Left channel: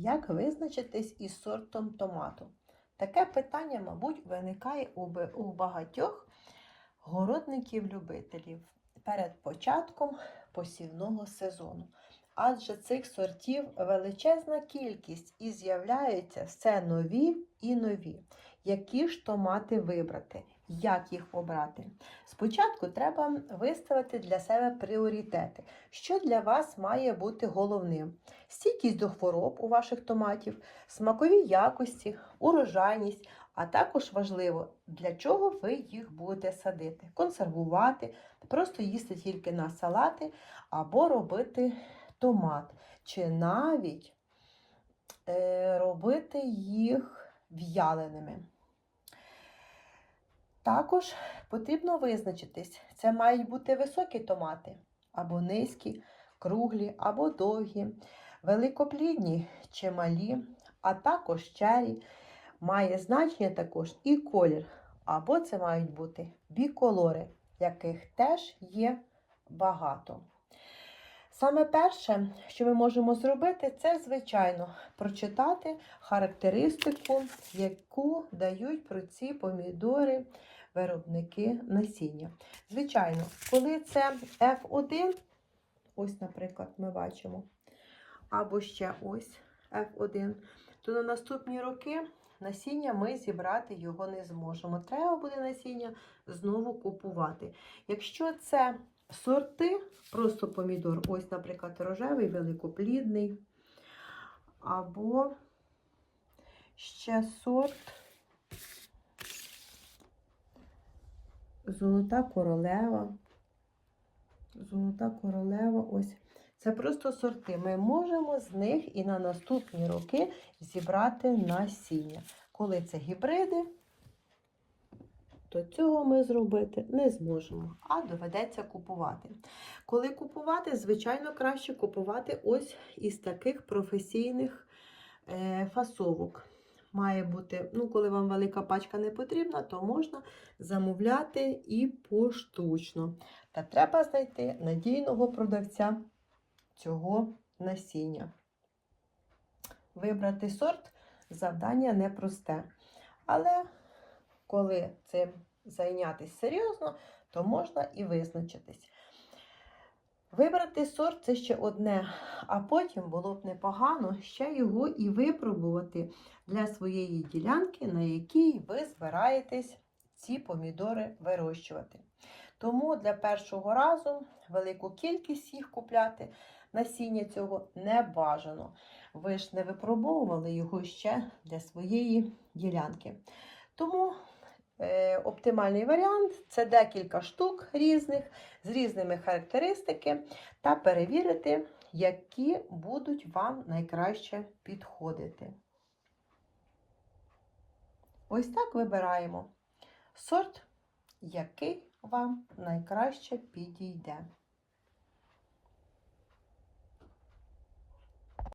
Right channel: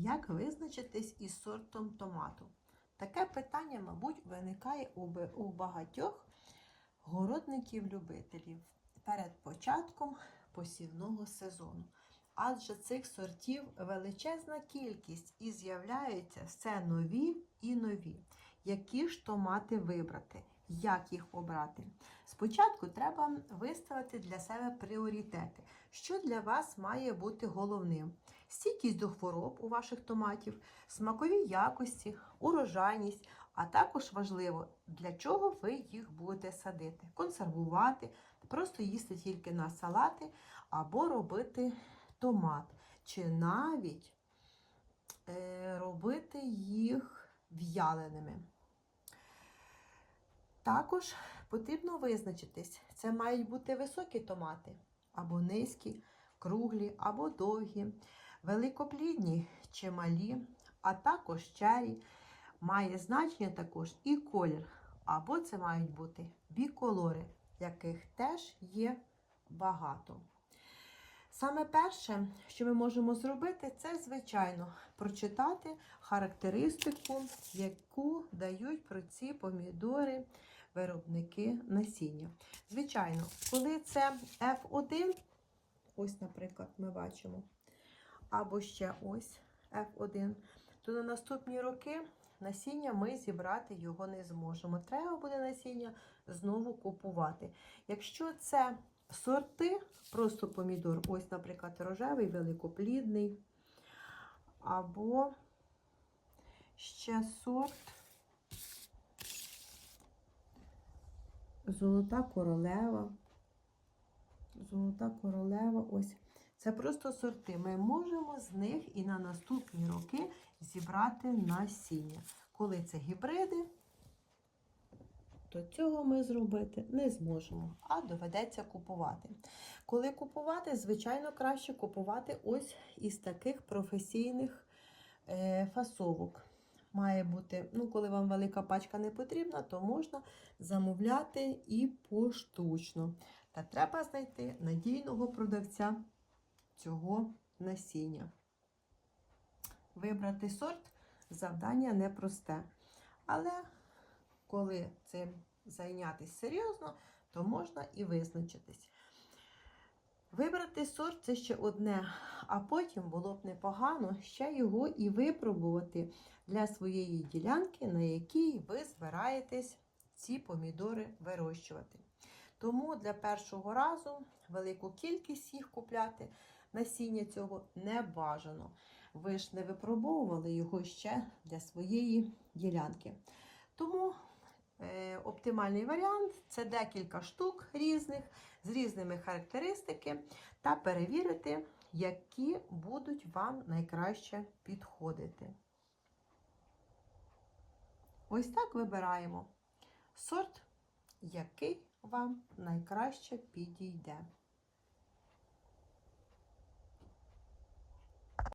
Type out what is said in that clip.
Як визначитись із сортом томату? Таке питання, мабуть, виникає у багатьох городників-любителів перед початком посівного сезону. Адже цих сортів величезна кількість і з'являються все нові і нові. Які ж томати вибрати? Як їх обрати? Спочатку треба виставити для себе пріоритети, що для вас має бути головним. Стійкість до хвороб у ваших томатів, смакові якості, урожайність, а також важливо, для чого ви їх будете садити, консервувати, просто їсти тільки на салати або робити томат, чи навіть е, робити їх в'яленими. Також потрібно визначитись, це мають бути високі томати, або низькі, круглі, або довгі, великоплідні чи малі, а також чері. Має значення також і колір, або це мають бути біколори, яких теж є багато. Саме перше, що ми можемо зробити, це, звичайно, прочитати характеристику, яку дають про ці помідори виробники насіння. Звичайно, коли це F1, ось, наприклад, ми бачимо, або ще ось F1, то на наступні роки насіння ми зібрати його не зможемо. Треба буде насіння знову купувати. Якщо це сорти, просто помідор, ось, наприклад, рожевий, великоплідний, або ще сорт Золота королева. Золота королева, ось. Це просто сорти. Ми можемо з них і на наступні роки зібрати насіння. Коли це гібриди, то цього ми зробити не зможемо, а доведеться купувати. Коли купувати, звичайно, краще купувати ось із таких професійних е, фасовок. Має бути, ну, коли вам велика пачка не потрібна, то можна замовляти і поштучно. Та треба знайти надійного продавця цього насіння. Вибрати сорт завдання непросте. Але коли цим зайнятися серйозно, то можна і визначитись. Вибрати сорт це ще одне, а потім було б непогано ще його і випробувати для своєї ділянки, на якій ви збираєтесь ці помідори вирощувати. Тому для першого разу велику кількість їх купляти насіння цього не бажано. Ви ж не випробовували його ще для своєї ділянки. Тому оптимальний варіант це декілька штук різних з різними характеристики та перевірити, які будуть вам найкраще підходити. Ось так вибираємо сорт, який вам найкраще підійде.